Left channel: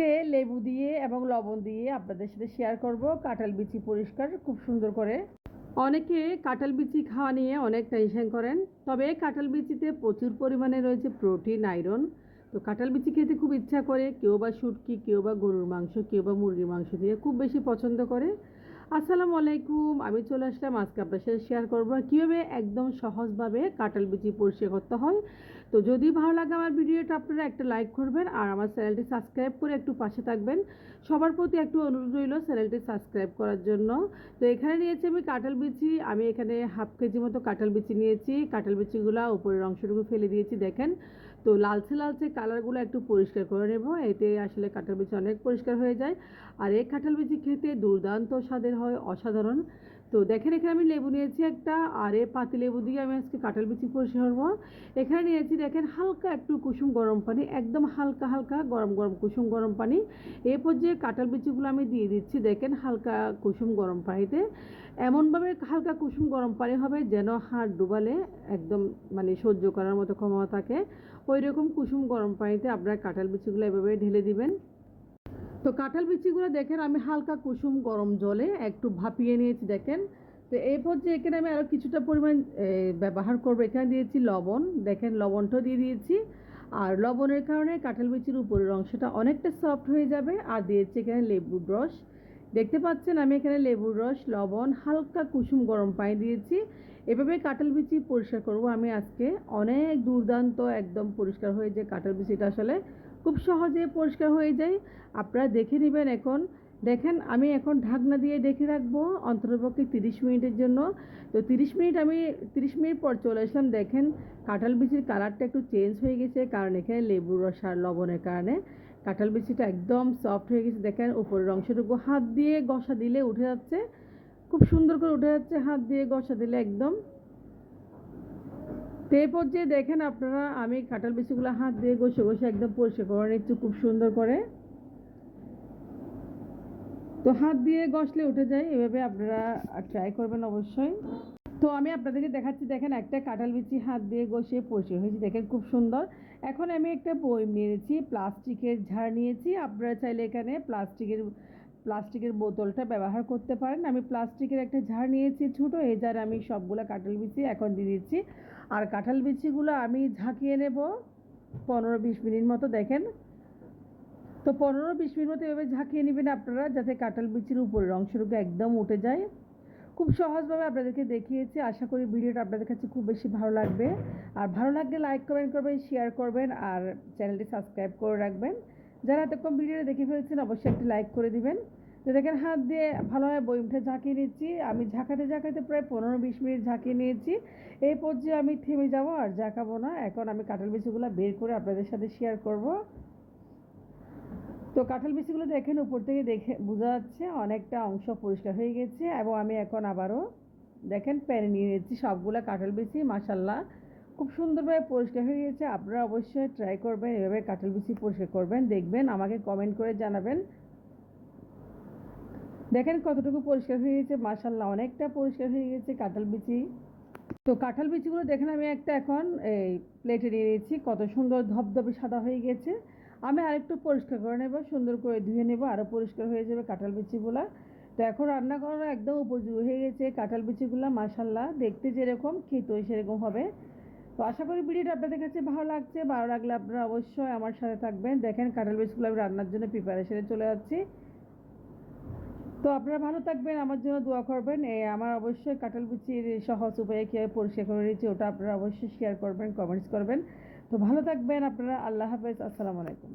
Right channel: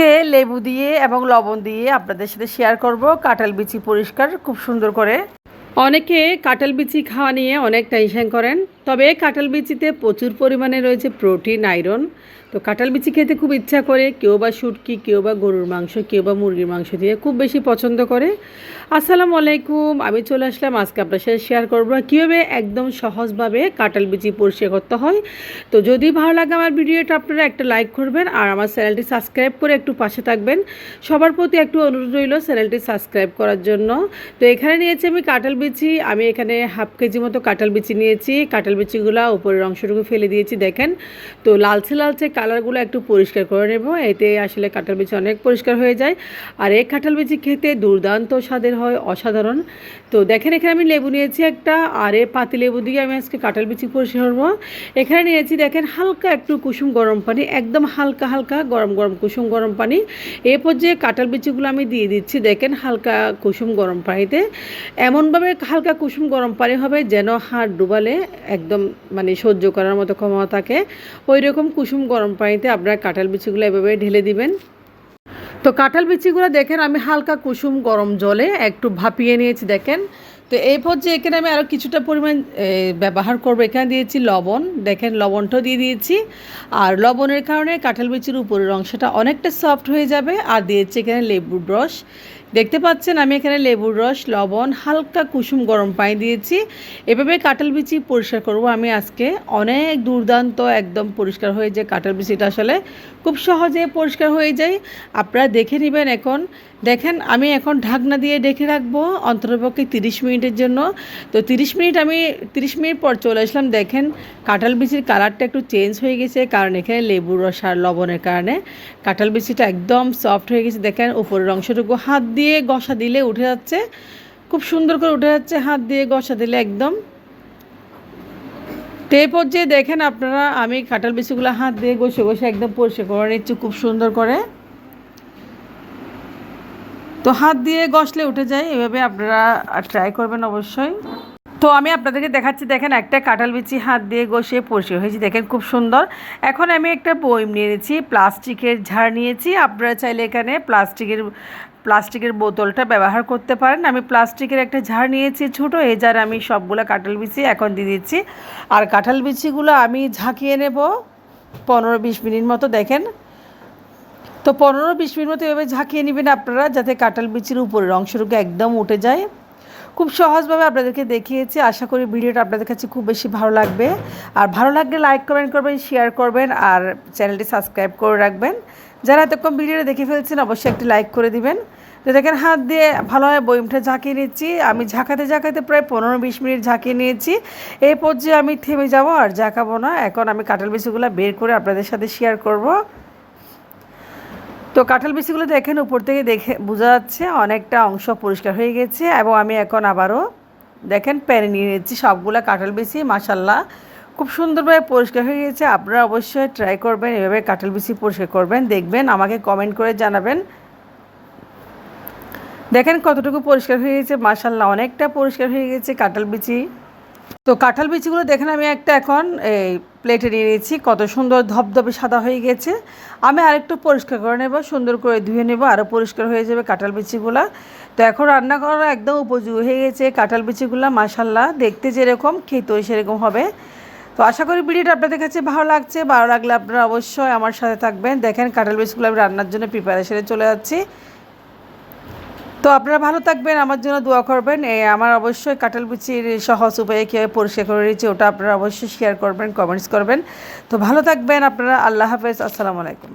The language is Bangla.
আজকে লেবু দিয়ে এবং লবণ দিয়ে আপনাদের সাথে শেয়ার করব কাঁঠাল বিচি পরিষ্কার খুব সুন্দর করে। অনেকে কাঁঠাল বিচি খাওয়া নিয়ে অনেক টেনশন করেন, তবে কাঁঠাল বিচিতে প্রচুর পরিমাণে রয়েছে প্রোটিন, আয়রন। তো কাঁঠাল বিচি খেতে খুব ইচ্ছা করে, কেউ বা শুটকি, কেউ বা গরুর মাংস, কেউ বা মুরগির মাংস দিয়ে খুব বেশি পছন্দ করে। আসসালামু আলাইকুম, আমি চলে আসলাম আজকে আপনার সাথে শেয়ার করবো কীভাবে একদম সহজভাবে কাঁঠাল বিচি পরিষ্কার করতে হয়। তো যদি ভালো লাগে আমার ভিডিওটা আপনারা একটা লাইক করবেন আর আমার চ্যানেলটি সাবস্ক্রাইব করে একটু পাশে থাকবেন। সবার প্রতি একটু অনুরোধ রইল চ্যানেলটি সাবস্ক্রাইব করার জন্য। তো এখানে নিয়েছি আমি কাঁঠাল বিচি, আমি এখানে হাফ কেজি মতো কাঁঠাল বিচি নিয়েছি। কাঁঠাল বিচিগুলো উপরের অংশটুকু ফেলে দিয়েছি, দেখেন। তো লালচে লালচে কালারগুলো একটু পরিষ্কার করে নেব, এতে আসলে কাঁঠাল বিচি অনেক পরিষ্কার হয়ে যায়। আর এই কাঁঠাল বিচি খেতে দুর্দান্ত স্বাদের হয়, অসাধারণ। তো দেখেন এখানে আমি লেবু নিয়েছি একটা, আর এই পাতি লেবু দিয়ে আমি আজকে কাঁঠাল বিচি পরিষ্কার করবো। এখানে নিয়েছি দেখেন হালকা একটু কুসুম গরম পানি, একদম হালকা হালকা গরম গরম কুসুম গরম পানি। এই পর্যায়ে কাঁঠাল বিচিগুলো আমি দিয়ে দিচ্ছি, দেখেন হালকা কুসুম গরম পানিতে। এমনভাবে হালকা কুসুম গরম পানি হবে যেন হাত ডুবালে একদম মানে সহ্য করার মতো ক্ষমতা থাকে, ওই রকম কুসুম গরম পানিতে আপনারা কাঁঠাল বিচিগুলো এভাবে ঢেলে দিবেন। তো কাঁঠাল বিচিগুলো দেখেন আমি হালকা কুসুম গরম জলে একটু ভাপিয়ে নিয়েছি, দেখেন। তো এই পর্যায়ে এখানে আমি আরও কিছুটা পরিমাণ ব্যবহার করবো। এখানে দিয়েছি লবণ, দেখেন লবণটাও দিয়ে দিয়েছি। আর লবণের কারণে কাঁঠাল বিচির উপরের অংশটা অনেকটা সফট হয়ে যাবে। আর দিয়েছি এখানে লেবুর রস, দেখতে পাচ্ছেন আমি এখানে লেবুর রস, লবণ, হালকা কুসুম গরম পানি দিয়েছি। এভাবে কাঁঠাল বিচি পরিষ্কার করব আমি আজকে। অনেক দুর্দান্ত একদম পরিষ্কার হয়ে যায় কাঁঠাল বিচিটা, আসলে খুব সহজে পরিষ্কার হয়ে যায়। আপনারা দেখে নেবেন। এখন দেখেন আমি এখন ঢাকনা দিয়ে ঢেকে রাখবো অন্ততপক্ষে 30 মিনিটের জন্য। তো 30 মিনিট পর চলে আসলাম, দেখেন কাঁঠাল বিচির কালারটা একটু চেঞ্জ হয়ে গেছে, কারণ এখানে লেবুর রস আর লবণের কারণে কাঁঠাল বিচিটা একদম সফট হয়ে গেছে। দেখেন উপরের অংশটুকু হাত দিয়ে ঘষা দিলে উঠে যাচ্ছে, খুব সুন্দর করে উঠে যাচ্ছে হাত দিয়ে ঘষা দিলে একদম। তো এই পর্যায়ে দেখেন আপনারা আমি কাঁঠাল বিচিগুলো হাত দিয়ে ঘষে ঘষে একদম পরিষ্কার করে নিচ্ছি খুব সুন্দর করে। তো হাত দিয়ে ঘষলে উঠে যায়, এভাবে আপনারা ট্রাই করবেন অবশ্যই। তো আমি আপনাদেরকে দেখাচ্ছি, দেখেন একটা কাঁঠাল বিচি হাত দিয়ে ঘষে পরিষ্কার হয়েছে, দেখেন খুব সুন্দর। এখন আমি একটা বয়ম নিয়ে নিয়েছি, প্লাস্টিকের ঝাড় নিয়েছি। আপনারা চাইলে এখানে প্লাস্টিকের বোতলটা ব্যবহার করতে পারেন। আমি প্লাস্টিকের একটা ঝাড় নিয়েছি ছোটো, এই ঝাড় আমি সবগুলো কাঁঠাল বিচি এখন দিয়ে দিচ্ছি। আর কাঁঠাল বিচিগুলো আমি ঝাঁকিয়ে নেব 15-20 মিনিট মতো, দেখেন। তো 15-20 মিনিট মতো এভাবে ঝাঁকিয়ে নেবেন আপনারা, যাতে কাঁঠাল বিচির উপরের অংশটুকু একদম উঠে যায়। খুব সহজভাবে আপনাদেরকে দেখিয়েছি। আশা করি ভিডিওটা আপনাদের কাছে খুব বেশি ভালো লাগবে। আর ভালো লাগলে লাইক কমেন্ট করবেন, শেয়ার করবেন আর চ্যানেলটি সাবস্ক্রাইব করে রাখবেন। যারা এতক্ষণ ভিডিওটা দেখে ফেলছেন অবশ্যই একটি লাইক করে দিবেন। তো দেখেন হাত দিয়ে ভালোভাবে বয়মটা ঝাঁকিয়ে নিচ্ছি। আমি ঝাঁকাতে ঝাঁকাতে প্রায় 15-20 মিনিট ঝাঁকিয়ে নিয়েছি। এই পর্যায়ে আমি থেমে যাব আর ঝাঁকাবো না। এখন আমি কাঁঠাল বিচিগুলো বের করে আপনাদের সাথে শেয়ার করব। তো কাঁঠাল বিচিগুলো দেখেন উপর থেকে দেখে বোঝা যাচ্ছে অনেকটা অংশ পরিষ্কার হয়ে গেছে। এবং আমি এখন আবারও দেখেন প্যানে নিয়ে নিচ্ছি সবগুলো কাঁঠাল বিচি। মাশাল্লাহ খুব সুন্দরভাবে পরিষ্কার হয়ে গেছে। আপনারা অবশ্যই ট্রাই করবেন, এভাবে কাঁঠাল বিচি পরিষ্কার করবেন, দেখবেন, আমাকে কমেন্ট করে জানাবেন। দেখেন কতটুকু পরিষ্কার হয়ে গেছে, মাশাল্লাহ অনেকটা পরিষ্কার হয়ে গেছে কাঁঠাল বিচি। তো কাঁঠাল বিচিগুলো দেখেন আমি একটা এখন এই প্লেটে নিয়ে নিয়েছি, কত সুন্দর ধবধবে সাদা হয়ে গেছে। আমি আরেকটু পরিষ্কার করে নেব, সুন্দর করে ধুয়ে নেব, আরও পরিষ্কার হয়ে যাবে কাঁঠাল বিচিগুলো। তো এখন রান্না করা একদম উপযোগী হয়ে গেছে কাঁঠাল বিচিগুলো। মাশাল্লাহ দেখতে যেরকম খেতেও সেরকম হবে। তো আশা করি ভিডিওটা আপনাদের কাছে ভালো লাগছে। ভালো লাগলে আপনারা অবশ্যই আমার সাথে থাকবেন। দেখেন কাঁঠাল বিচিগুলো আমি রান্নার জন্য প্রিপারেশনে চলে যাচ্ছি। তো আপনারা ভালো থাকবেন, আমার জন্য দোয়া করবেন। আমার অবশ্যই কাঁঠাল বিচির সহজ উপায়ে কীভাবে পরিষ্কার করে নিয়েছি ওটা আপনারা অবশ্যই শেয়ার করবেন, কমেন্টস করবেন। তো ভালো থাকবেন আপনারা। আল্লাহ হাফেজ, আসসালামু আলাইকুম।